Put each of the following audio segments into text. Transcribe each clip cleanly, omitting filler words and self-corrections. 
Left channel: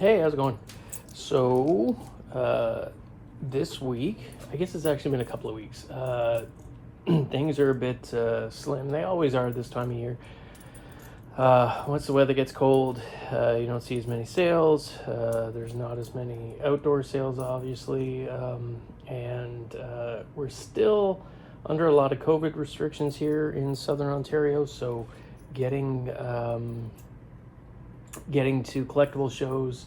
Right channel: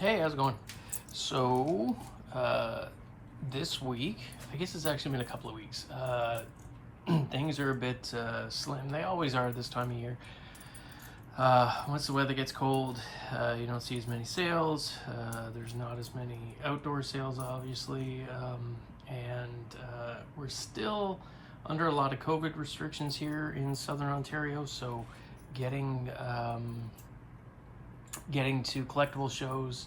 Hey, how's it going? So, this week, I guess it's actually been a couple of weeks, things are a bit slim. They always are this time of year. Once the weather gets cold, you don't see as many sales. There's not as many outdoor sales, obviously, and we're still under a lot of COVID restrictions here in Southern Ontario, so getting to collectible shows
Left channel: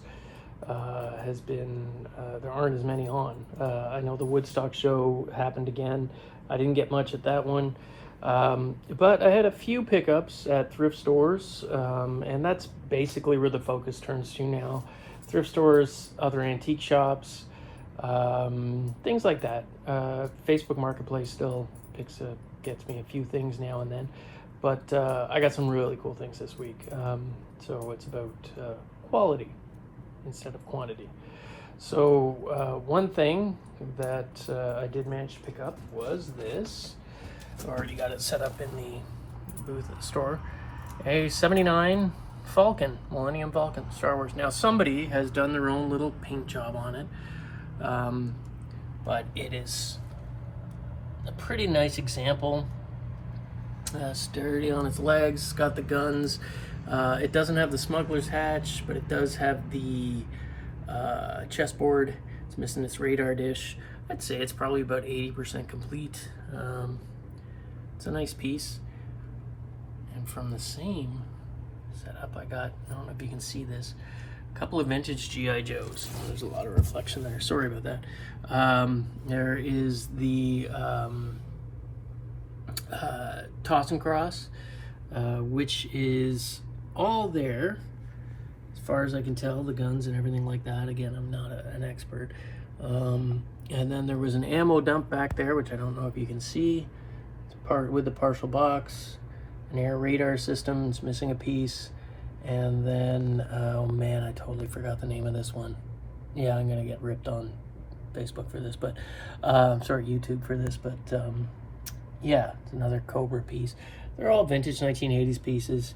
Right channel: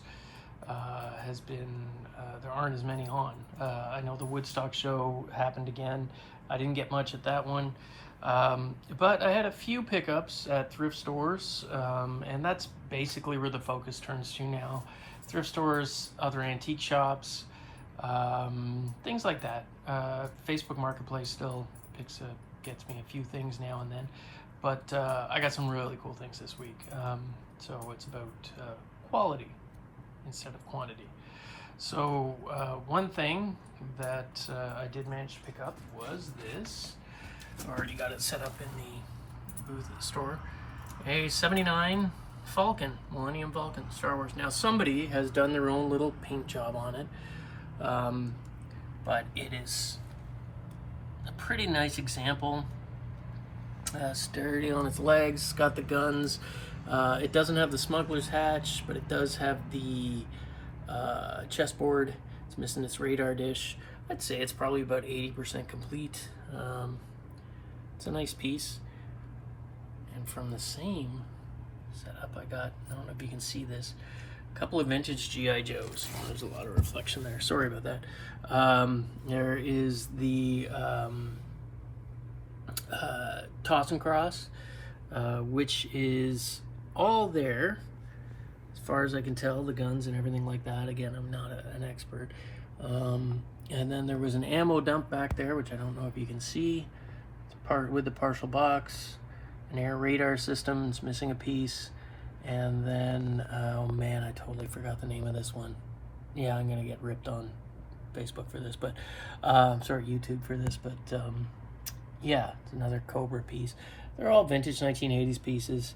has been, there aren't as many on. I know the Woodstock show happened again. I didn't get much at that one, but I had a few pickups at thrift stores, and that's basically where the focus turns to now. Thrift stores, other antique shops, things like that. Facebook Marketplace still gets me a few things now and then. But I got some really cool things this week. So it's about quality instead of quantity. So one thing that I did manage to pick up was this. I've already got it set up in the booth at the store. A 79 Falcon, Millennium Falcon, Star Wars. Now somebody has done their own little paint job on it. But it is a pretty nice example. Sturdy on its legs, got the guns. It doesn't have the smuggler's hatch, but it does have the chessboard. It's missing its radar dish. I'd say it's probably about 80% complete. It's a nice piece. And from the same setup, I got, I don't know if you can see this, a couple of vintage G.I. Joes. There's a lot of reflection there. Sorry about that. There is the Toss and Cross, which is all there as far as I can tell, the guns and everything like that. Again, I'm not an expert. And then there was an ammo dump back there, which I don't know if you can see, with the partial box, an air radar system. It's missing a piece. And then, oh man, I totally forgot the name of this one. Yeah, I'm gonna get ripped on Facebook for this, but sorry, YouTube for this, but yeah, it's another Cobra piece. They're all vintage 1980s pieces.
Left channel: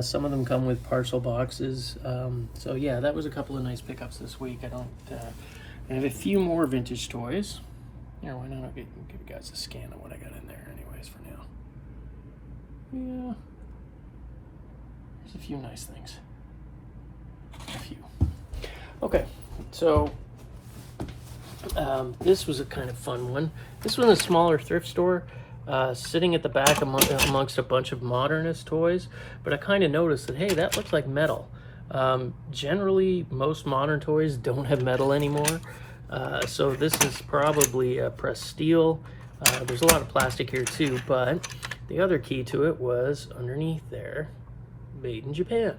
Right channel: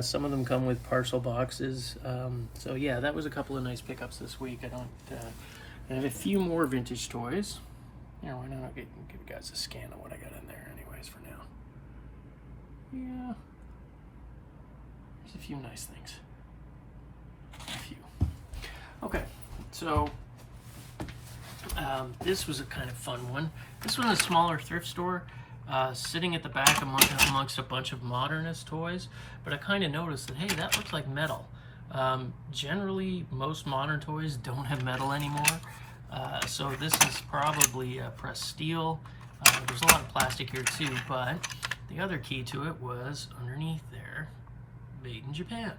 Some of them come with partial boxes. So yeah, that was a couple of nice pickups this week. I have a few more vintage toys. You know, why not give you guys a scan of what I got in there anyways for now. Yeah, there's a few nice things. A few. Okay, so this was a kind of fun one. This was a smaller thrift store. Sitting at the back amongst a bunch of modernist toys, but I kind of noticed that, hey, that looks like metal. Generally, most modern toys don't have metal anymore, so this is probably pressed steel. There's a lot of plastic here too, but the other key to it was underneath there, made in Japan.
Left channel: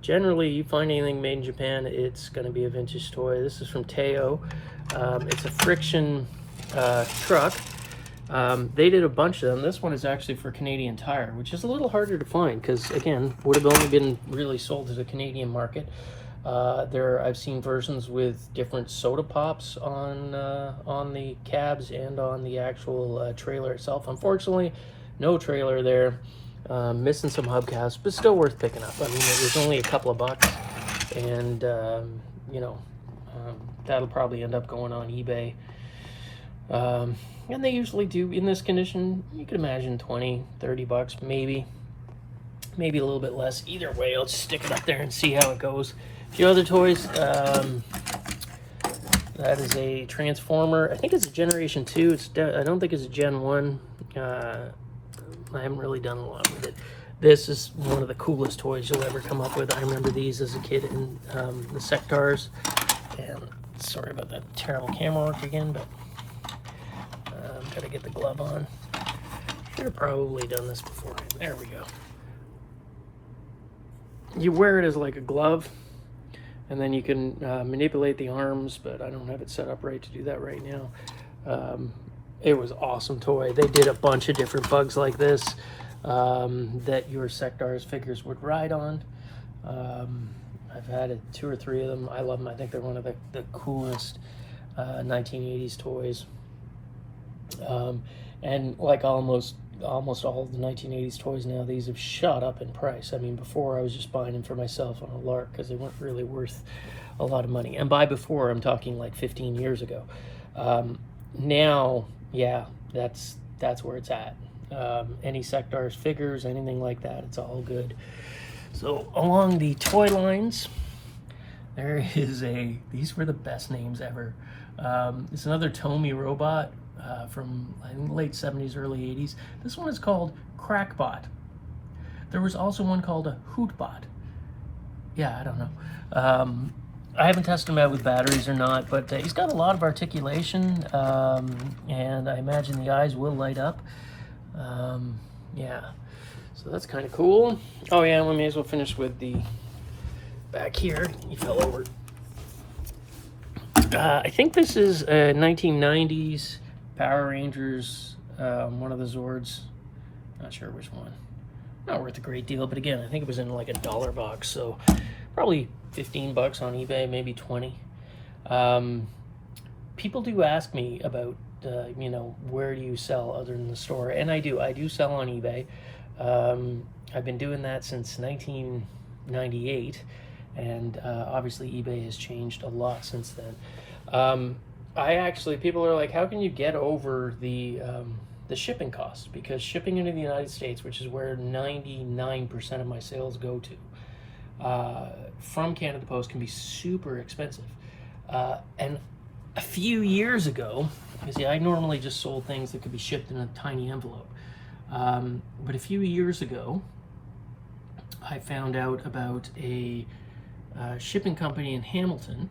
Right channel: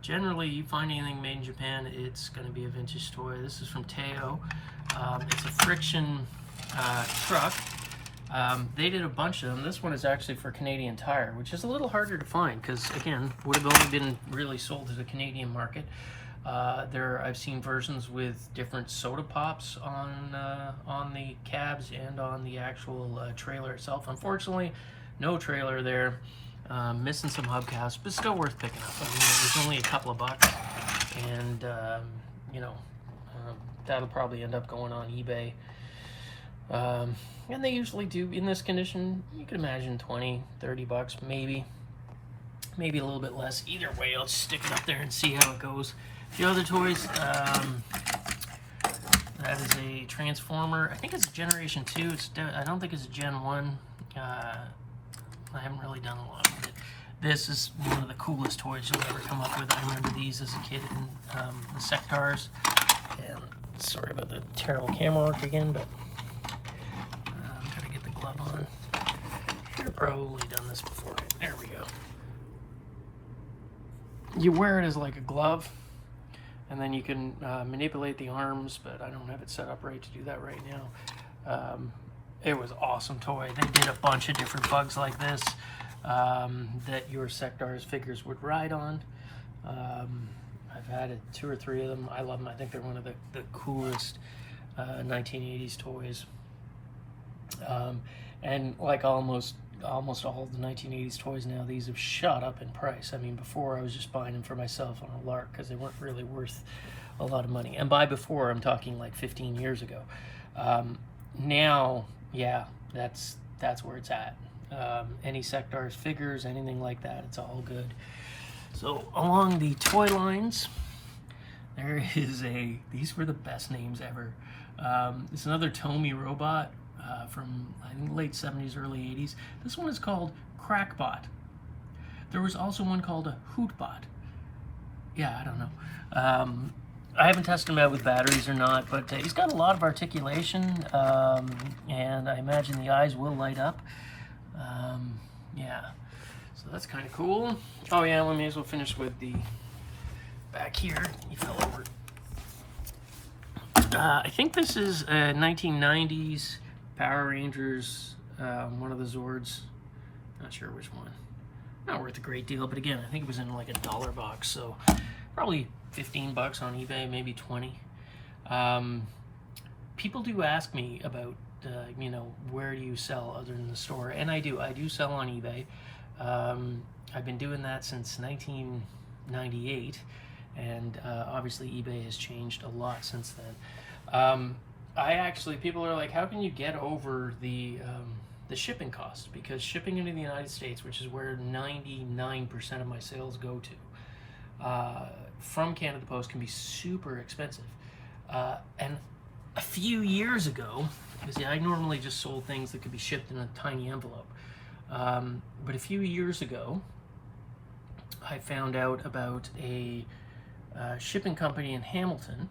Generally, you find anything made in Japan, it's going to be a vintage toy. This is from Teo. It's a friction truck. They did a bunch of them. This one is actually for Canadian Tire, which is a little harder to find because, again, would have only been really sold to the Canadian market. I've seen versions with different soda pops on the cabs and on the actual trailer itself. Unfortunately, no trailer there. Missing some hubcaps, but still worth picking up. I mean, it was only a couple of bucks, and you know, that'll probably end up going on eBay. And they usually do, in this condition, you can imagine 20, 30 bucks, maybe a little bit less. Either way, let's stick it up there and see how it goes. A few other toys, that is a Transformer. I think it's a Generation 2. I don't think it's a Gen 1. I haven't really done a lot with it. This is one of the coolest toys you'll ever come up with. I remember these as a kid in the Sectars. And sorry about that terrible camera work again, but gotta get the glove on. Should have probably done this before. There we go. You wear it as like a glove, and then you can manipulate the arms, but I don't have it set up right to do that right now. It was an awesome toy. They did a bunch of different bugs like this that your Sectars figures would ride on. I've had 2 or 3 of them. I love them. I think they're one of the coolest 1980s toys. And like almost almost all the 1980s toys now, these have shot up in price. I mean, before I was just buying them for myself on a lark because they weren't really worth a lot of money. And by before, I'm talking like 15 years ago. Now, yeah, that's where it's at. Any Sectars figures, anything like that, it's all good. So along the toy lines, there is these were the best names ever. It's another Tomy robot from, I think, late 70s, early 80s. This one is called Crackbot. There was also one called a Hootbot. Yeah, I don't know. I haven't tested him out with batteries or not, but he's got a lot of articulation, and I imagine the eyes will light up. Yeah, so that's kind of cool. Oh yeah, we may as well finish with the back here. He fell over. I think this is a 1990s Power Rangers, one of the Zords. Not sure which one. Not worth a great deal, but again, I think it was in like a $1 box, so probably 15 bucks on eBay, maybe 20. People do ask me about, you know, where do you sell other than the store? And I do sell on eBay. I've been doing that since 1998, and obviously eBay has changed a lot since then. People are like, how can you get over the shipping costs? Because shipping into the United States, which is where 99% of my sales go to, from Canada Post can be super expensive. And a few years ago, because I normally just sold things that could be shipped in a tiny envelope. But a few years ago, I found out about a shipping company in Hamilton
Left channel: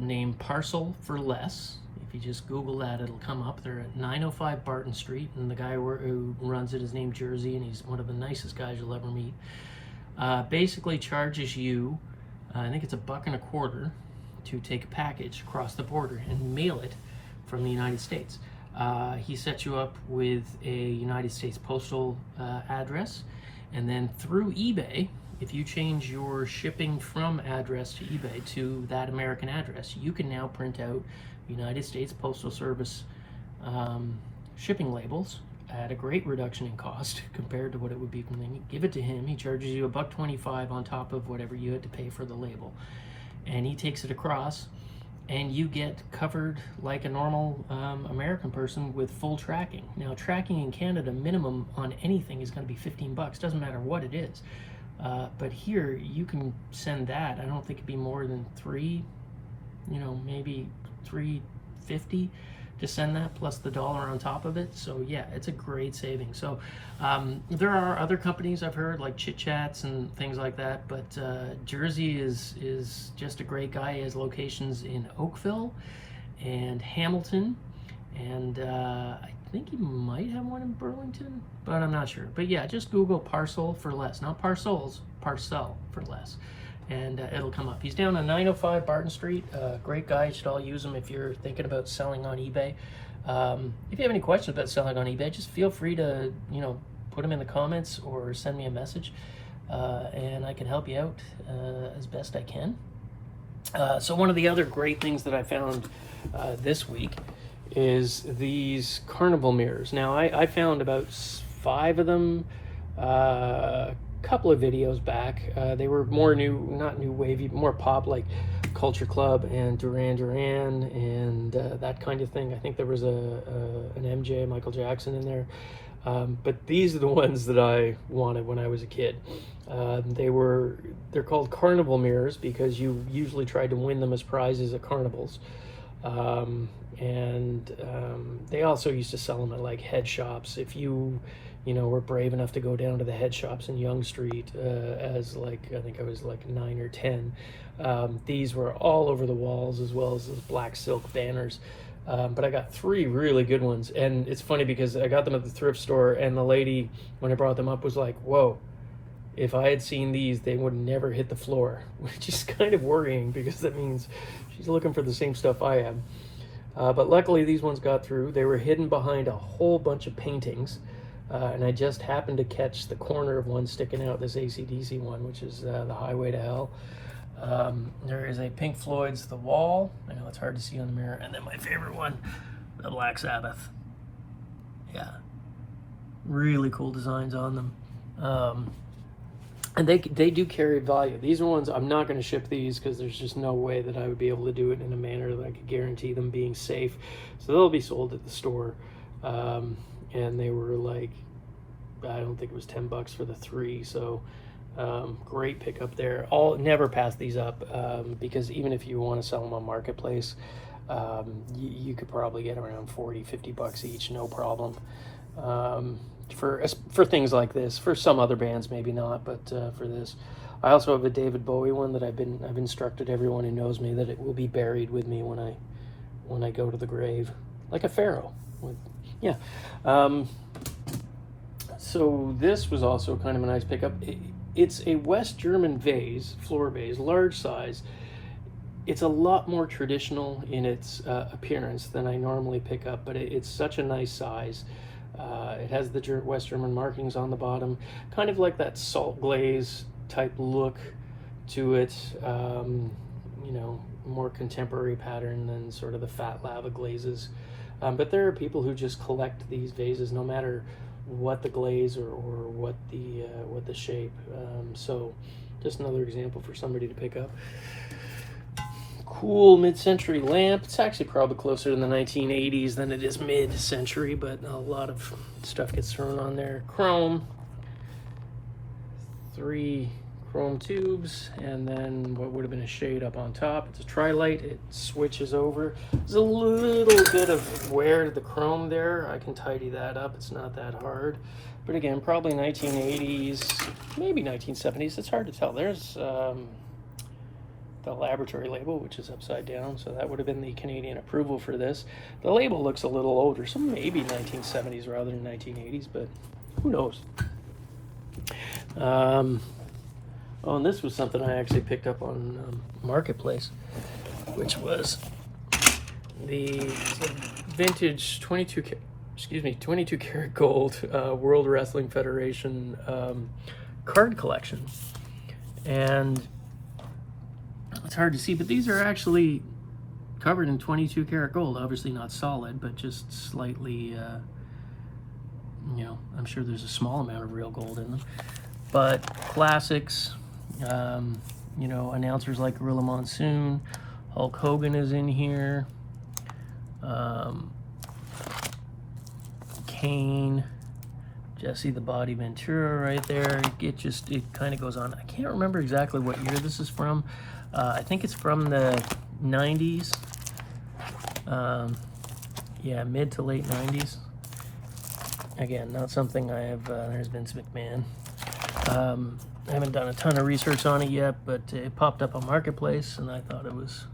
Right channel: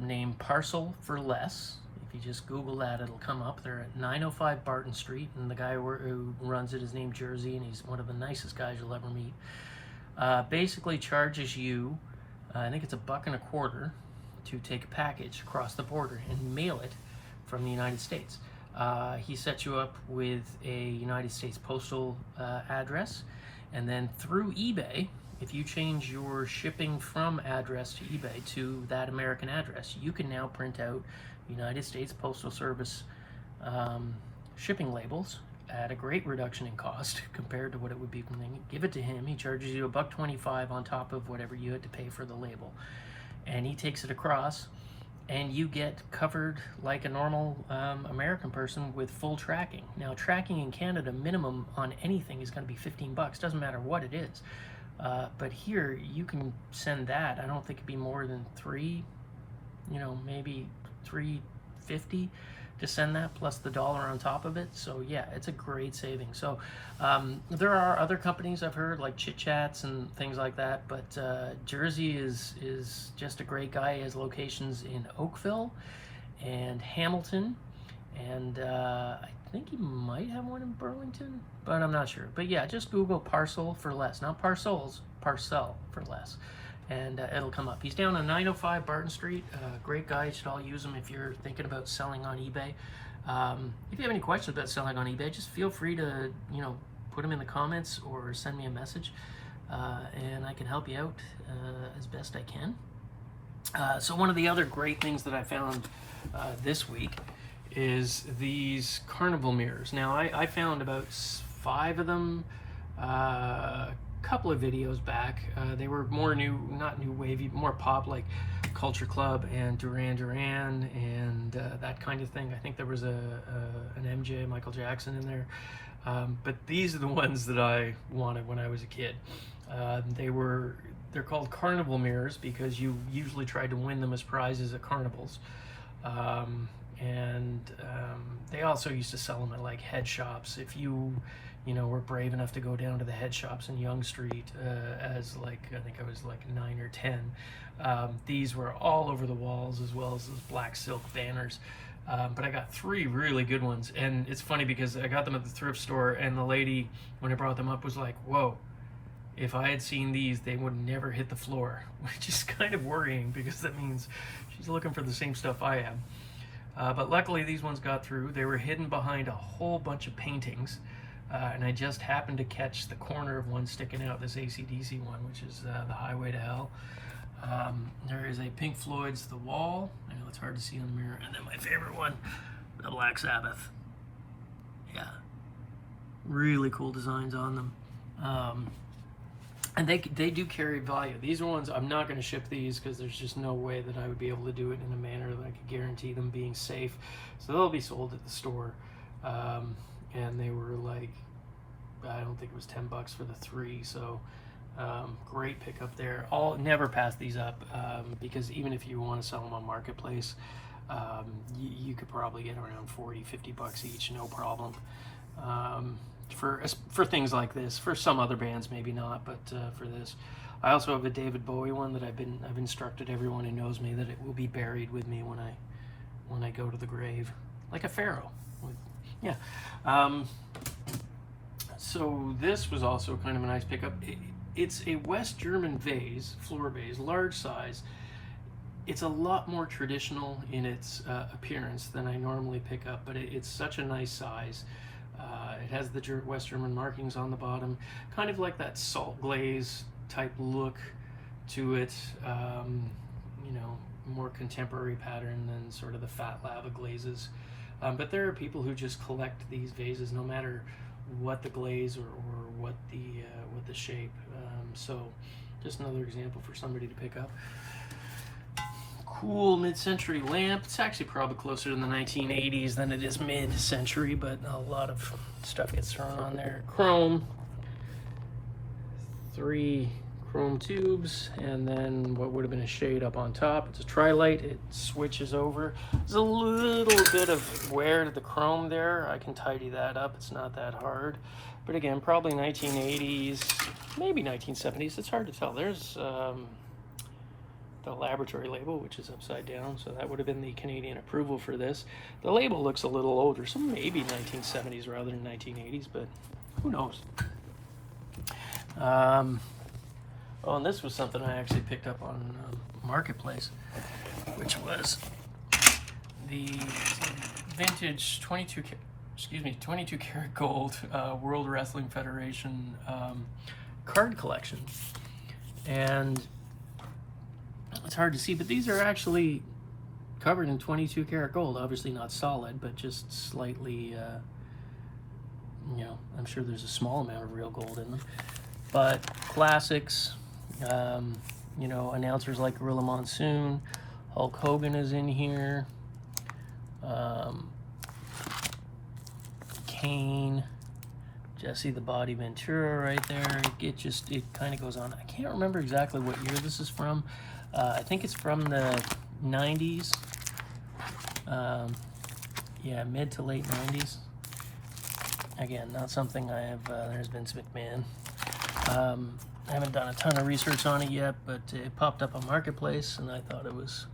named Parcel for Less. If you just Google that, it'll come up. They're at 905 Barton Street, and the guy who runs it is named Jersey, and he's one of the nicest guys you'll ever meet. Basically charges you, I think it's $1.25 to take a package across the border and mail it from the United States. He sets you up with a United States postal address, and then through eBay, if you change your shipping from address to eBay to that American address, you can now print out United States Postal Service shipping labels at a great reduction in cost compared to what it would be when they give it to him. He charges you $1.25 on top of whatever you had to pay for the label, and he takes it across, and you get covered like a normal American person with full tracking. Now, tracking in Canada, minimum on anything is going to be 15 bucks. Doesn't matter what it is. But here, you can send that. I don't think it'd be more than maybe $3.50 to send that, plus the $1 on top of it. So yeah, it's a great saving. So there are other companies I've heard, like Chit Chats and things like that, but Jersey is just a great guy. He has locations in Oakville and Hamilton, and I think he might have one in Burlington, but I'm not sure. But yeah, just Google Parcel for Less, not Parcels, Parcel for Less, and it'll come up. He's down on 905 Barton Street. Great guy. You should all use him if you're thinking about selling on eBay. If you have any questions about selling on eBay, just feel free to put them in the comments or send me a message, and I can help you out as best I can. So one of the other great things that I found this week is these Carnival Mirrors. Now I found about 5 of them a couple of videos back. They were more not new wavy, more pop, like Culture Club and Duran Duran and that kind of thing. I think there was an MJ, Michael Jackson, in there. But these are the ones that I wanted when I was a kid. They're called Carnival Mirrors because you usually tried to win them as prizes at carnivals. They also used to sell them at like head shops. If you were brave enough to go down to the head shops in Yonge Street as I think I was like 9 or 10. These were all over the walls, as well as those black silk banners. But I got 3 really good ones, and it's funny because I got them at the thrift store, and the lady, when I brought them up, was like, whoa, if I had seen these, they would never hit the floor, which is kind of worrying because that means she's looking for the same stuff I am. But luckily these ones got through. They were hidden behind a whole bunch of paintings, and I just happened to catch the corner of one sticking out, this AC/DC one, which is the Highway to Hell. There is a Pink Floyd's The Wall. I know it's hard to see on the mirror. And then my favorite one, the Black Sabbath. Yeah, Really cool designs on them. And they do carry value. These are ones I'm not going to ship these because there's just no way that I would be able to do it in a manner that I could guarantee them being safe. So they'll be sold at the store. And they were like, I don't think it was $10 for the 3. So great pickup there. Never pass these up because even if you want to sell them on Marketplace, you could probably get around $40-50 each, no problem. For things like this. For some other bands maybe not, but for this. I also have a David Bowie one that I've instructed everyone who knows me that it will be buried with me when I go to the grave, like a pharaoh. Yeah. So this was also kind of a nice pickup. It's a West German vase, floor vase, large size. It's a lot more traditional in its appearance than I normally pick up, but it's such a nice size. It has the West German markings on the bottom, kind of like that salt glaze type look to it, you know, more contemporary pattern than sort of the fat lava glazes. But there are people who just collect these vases no matter what the glaze or what the shape. So just another example for somebody to pick up. Cool mid-century lamp. It's actually probably closer to the 1980s than it is mid-century, but a lot of stuff gets thrown on there. Chrome, 3 chrome tubes, and then what would have been a shade up on top. It's a tri-light. It switches over. There's a little bit of wear to the chrome there. I can tidy that up. It's not that hard. But again, probably 1980s, maybe 1970s. It's hard to tell. There's the laboratory label, which is upside down, so that would have been the Canadian approval for this. The label looks a little older, so maybe 1970s rather than 1980s, but who knows. Oh, and this was something I actually picked up on Marketplace, which was the vintage 22 karat gold World Wrestling Federation card collection. And it's hard to see, but these are actually covered in 22 karat gold. Obviously not solid, but just slightly, you know, I'm sure there's a small amount of real gold in them. But classics, you know, announcers like Gorilla Monsoon, Hulk Hogan is in here, Kane, Jesse the Body Ventura right there. It kind of goes on. I can't remember exactly what year this is from. I think it's from the 90s. Yeah, mid to late 90s. Again, not something I have. There's Vince McMahon. I haven't done a ton of research on it yet, but it popped up on Marketplace, and I thought it was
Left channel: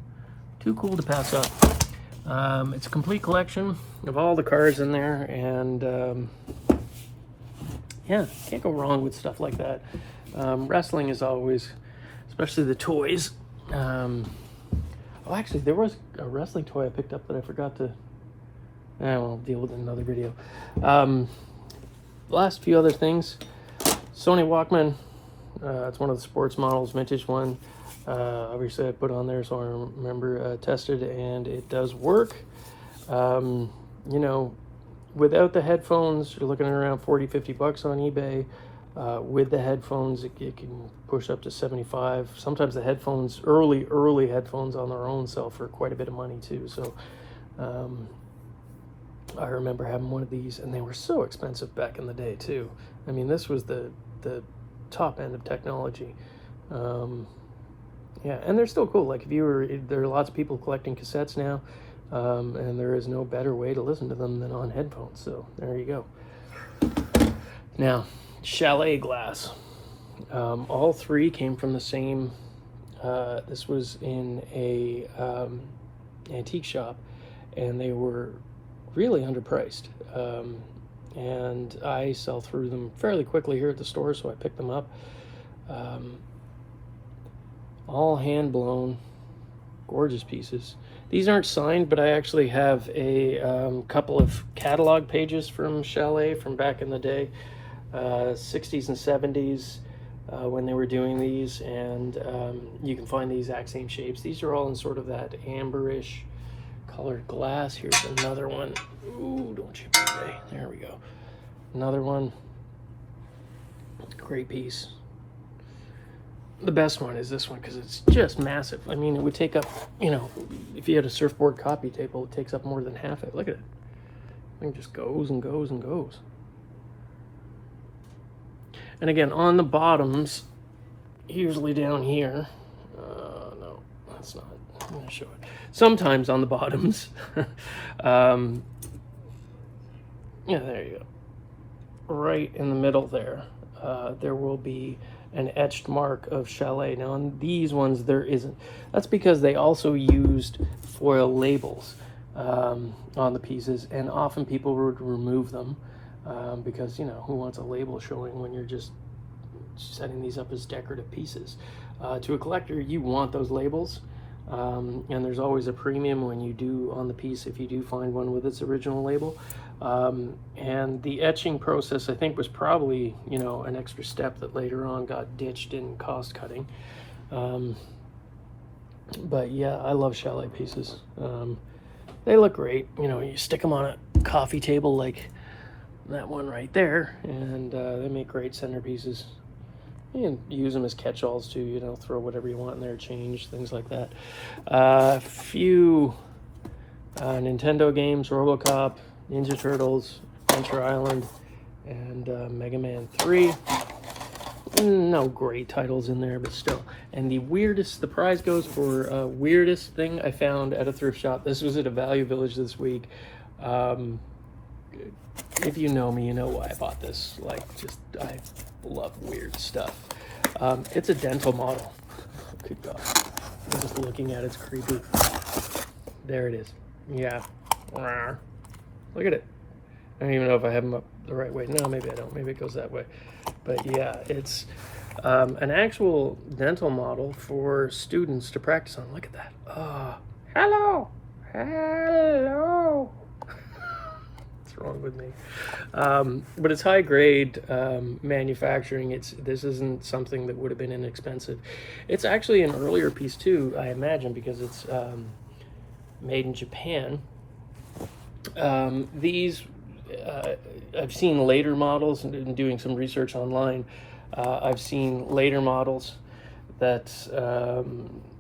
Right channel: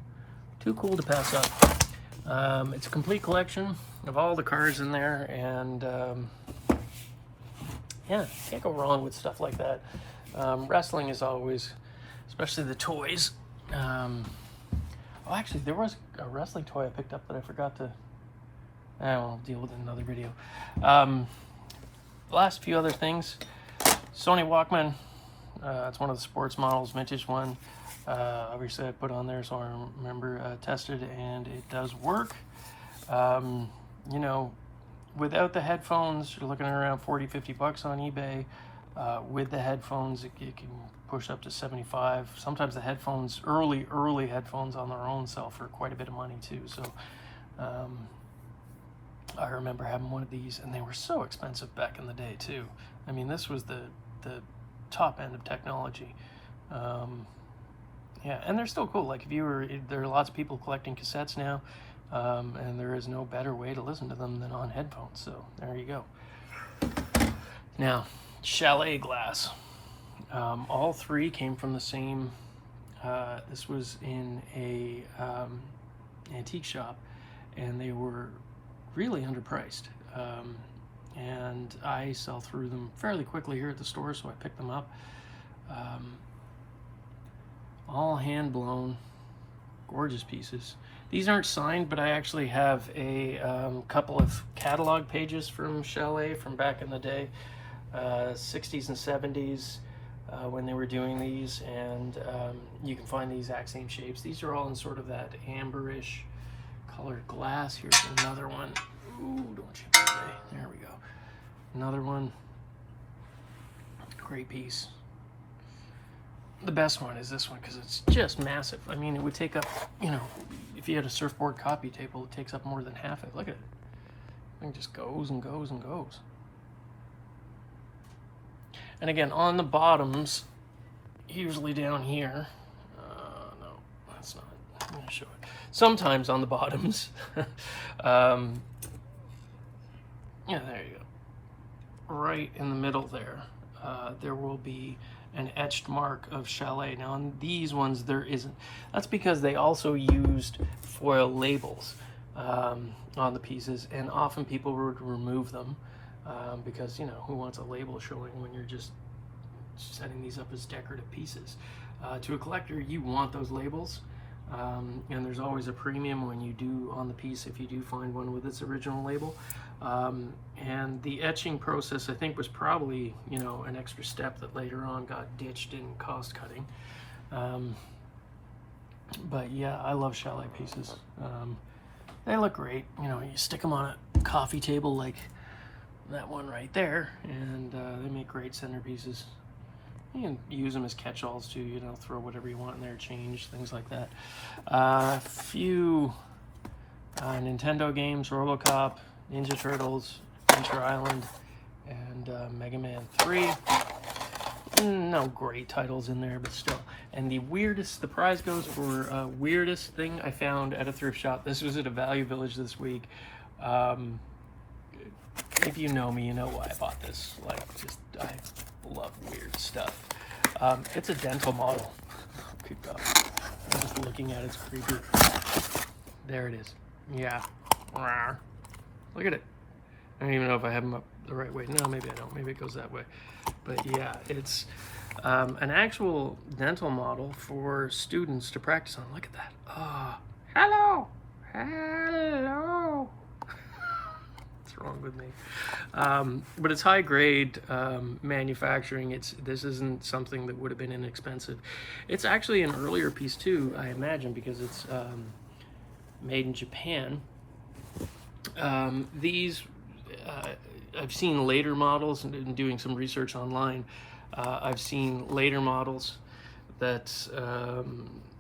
too cool to pass up. It's a complete collection of all the cards in there, and yeah, can't go wrong with stuff like that. Wrestling is always, especially the toys. Well, actually, there was a wrestling toy I picked up that I forgot to. I'll deal with it in another video. Last few other things. Sony Walkman. It's one of the sports models, vintage one. Obviously, I put on there so I remember tested, and it does work. You know, without the headphones, you're looking at around $40-50 on eBay. With the headphones, it can push up to 75. Sometimes the headphones, early headphones on their own sell for quite a bit of money too. So I remember having one of these, and they were so expensive back in the day too. I mean, this was the top end of technology. Yeah, and they're still cool. Like there are lots of people collecting cassettes now, and there is no better way to listen to them than on headphones. So there you go. Now, Chalet Glass. All 3 came from the same. This was in a antique shop, and they were really underpriced. And I sell through them fairly quickly here at the store, so I picked them up. All hand blown, gorgeous pieces. These aren't signed, but I actually have a couple of catalog pages from Chalet from back in the day. 60s and 70s when they were doing these, and you can find the exact same shapes. These are all in sort of that amberish colored glass. Here's another one. Ooh, don't chip it away. There we go. Another one. Great piece. The best one is this one because it's just massive. I mean, it would take up, you know, if you had a surfboard copy table, it takes up more than half it. Look at it. The thing just goes and goes and goes. And again, on the bottoms, usually down here, no, that's not, I'm going to show it. Sometimes on the bottoms, yeah, there you go. Right in the middle there, there will be an etched mark of Chalet. Now on these ones there isn't. That's because they also used foil labels on the pieces, and often people would remove them because, you know, who wants a label showing when you're just setting these up as decorative pieces. To a collector, you want those labels, and there's always a premium when you do on the piece if you do find one with its original label. And the etching process, I think, was probably, you know, an extra step that later on got ditched in cost cutting. But yeah, I love Chalet pieces. They look great. You know, you stick them on a coffee table like that one right there, and they make great centerpieces. You can use them as catch-alls too, you know, throw whatever you want in there, change, things like that. A few Nintendo games, RoboCop, Ninja Turtles, Adventure Island, and Mega Man 3. No great titles in there, but still. And the weirdest, the prize goes for weirdest thing I found at a thrift shop. This was at a Value Village this week. If you know me, you know why I bought this. Like, just, I love weird stuff. It's a dental model. Good God. I'm just looking at it, it's creepy. There it is. Yeah. Look at it. I don't even know if I have them up the right way. No, maybe I don't. Maybe it goes that way. But yeah, it's an actual dental model for students to practice on. Look at that. Hello. Hello. What's wrong with me? But it's high grade manufacturing. This isn't something that would have been inexpensive. It's actually an earlier piece too, I imagine, because it's made in Japan. These I've seen later models, and doing some research online, I've seen later models that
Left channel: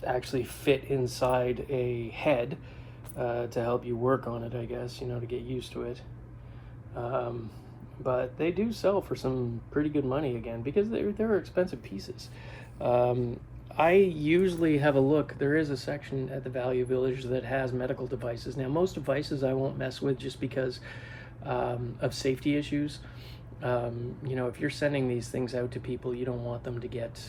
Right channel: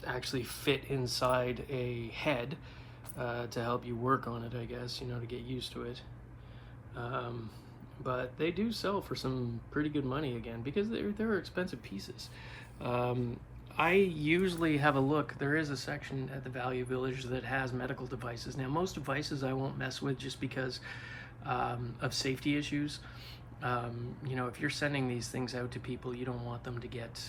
actually fit inside a head to help you work on it, I guess, you know, to get used to it. But they do sell for some pretty good money again, because they're expensive pieces. I usually have a look. There is a section at the Value Village that has medical devices. Now, most devices I won't mess with just because of safety issues. You know, if you're sending these things out to people, you don't want them to get,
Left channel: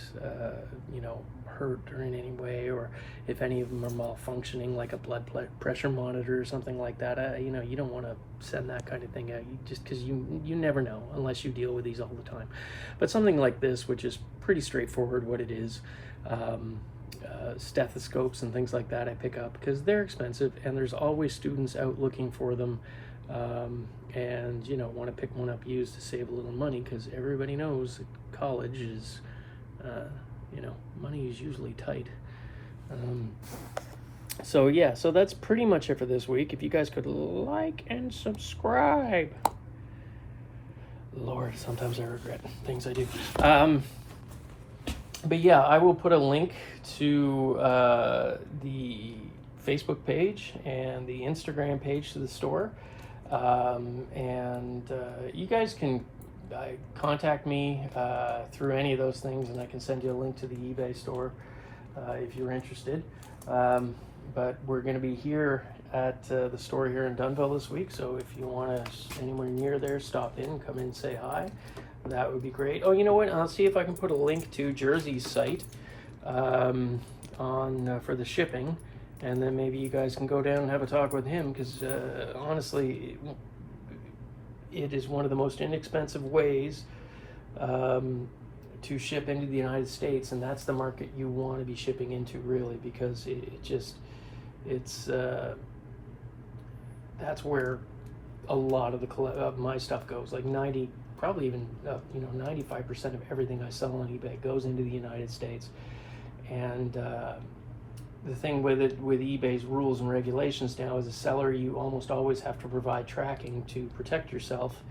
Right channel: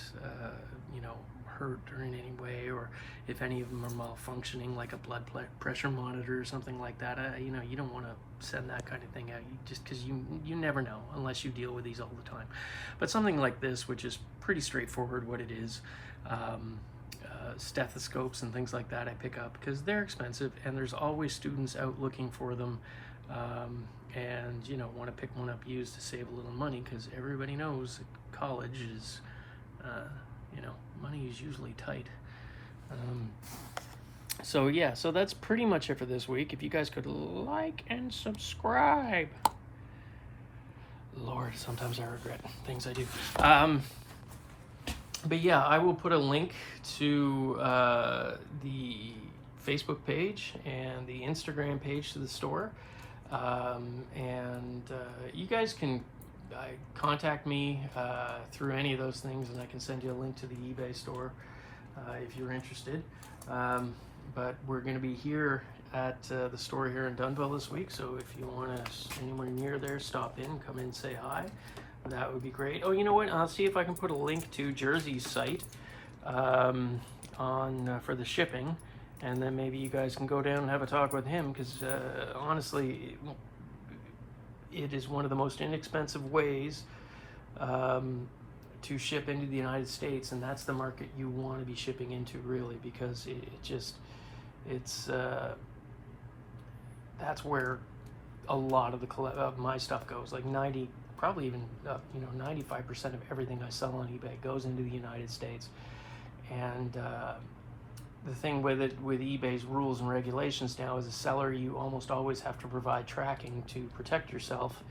you know, hurt or in any way, or if any of them are malfunctioning, like a blood pressure monitor or something like that. You know, you don't want to send that kind of thing out, just because you never know unless you deal with these all the time. But something like this, which is pretty straightforward what it is, stethoscopes and things like that I pick up because they're expensive, and there's always students out looking for them, and, you know, want to pick one up used to save a little money, because everybody knows that college is, you know, money is usually tight. So yeah, so that's pretty much it for this week. If you guys could like and subscribe. Lord, sometimes I regret things I do. But yeah, I will put a link to the Facebook page and the Instagram page to the store. And you guys can contact me through any of those things, and I can send you a link to the eBay store if you're interested. But we're going to be here at the store here in Dunnville this week, so if you want to anywhere near there, stop in, come in, say hi. That would be great. Oh, you know what? I'll see if I can put a link to Jersey's site on for the shipping, and then maybe you guys can go down and have a talk with him, because honestly, it is one of the most inexpensive ways to ship into the United States, and that's the market you want to be shipping into, really, because that's where a lot of my stuff goes. Like 90, probably even 95% of everything I sell on eBay goes into the United States. And the thing with eBay's rules and regulations now, as a seller, you almost always have to provide tracking to protect yourself.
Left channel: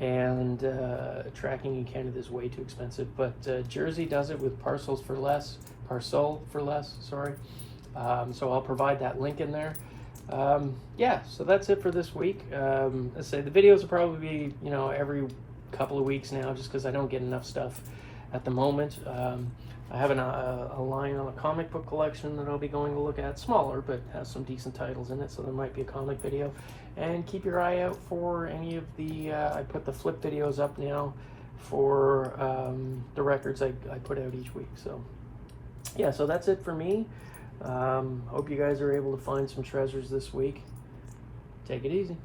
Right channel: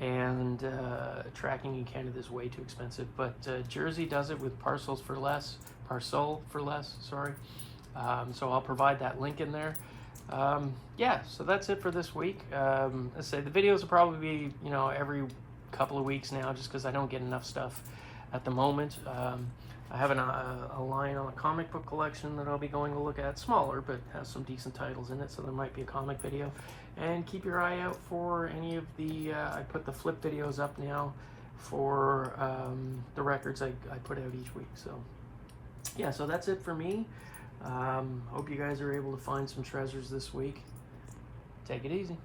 and tracking in Canada is way too expensive. But Jersey does it with parcel for less, sorry. So I'll provide that link in there. Yeah, so that's it for this week. Let's say the videos will probably be, you know, every couple of weeks now, just because I don't get enough stuff at the moment. I have a line on a comic book collection that I'll be going to look at, smaller, but has some decent titles in it, so there might be a comic video. And keep your eye out for any of the, I put the flip videos up now for the records I put out each week. So yeah, so that's it for me. Hope you guys are able to find some treasures this week. Take it easy.